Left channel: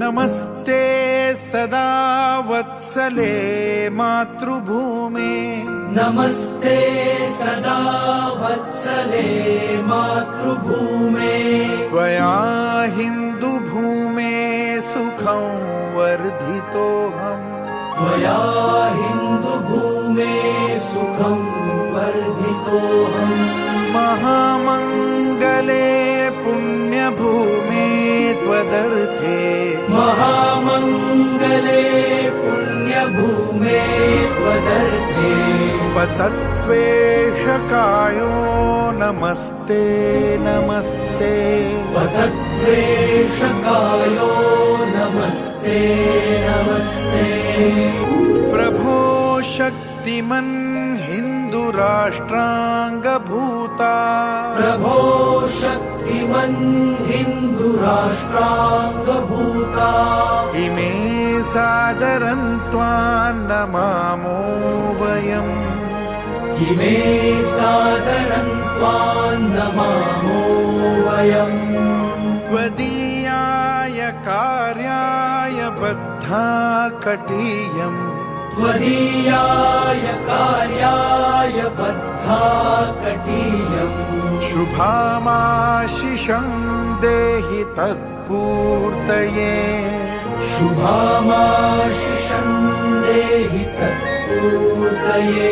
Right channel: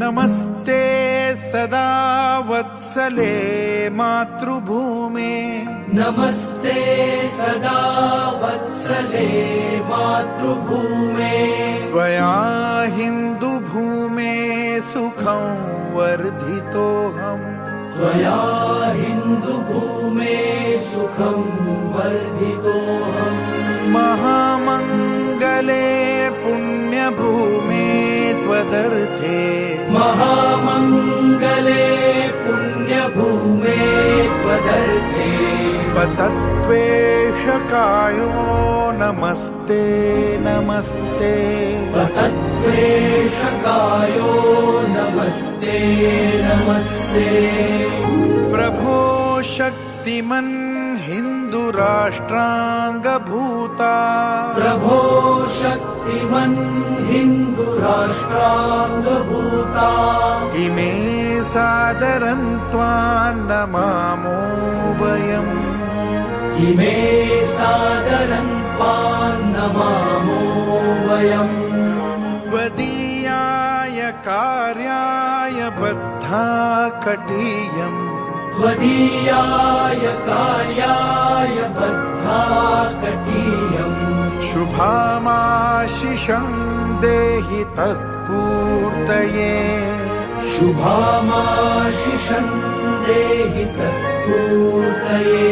नमस्ते सदा वत्सले मातृभूमे नमस्ते सदा वत्सले मातृभूमे त्वया हिन्दुभूमे सुखं वर्धितोऽहम् त्वया हिन्दुभूमे सुखं वर्धितोऽहम् महामङ्गले पुण्यभूमे त्वदर्थे महामङ्गले पुण्यभूमे त्वदर्थे पतत्वेषकायो नमस्ते नमस्ते पतत्वेषकायो नमस्ते नमस्ते प्रभो शक्तिमन् हिन्दुराष्ट्राङ्गभूता प्रभो शक्तिमन् हिन्दुराष्ट्राङ्गभूता इमे सादरं त्वां नमामो वयम् इमे सादरं त्वां नमामो वयम् त्वदीयाय कार्याय बद्धा कटीयम् त्वदीयाय कार्याय बद्धा कटीयम् शुभामाशिषं देहि तत्पूर्तये शुभामाशिषं देहि तत्पूर्तये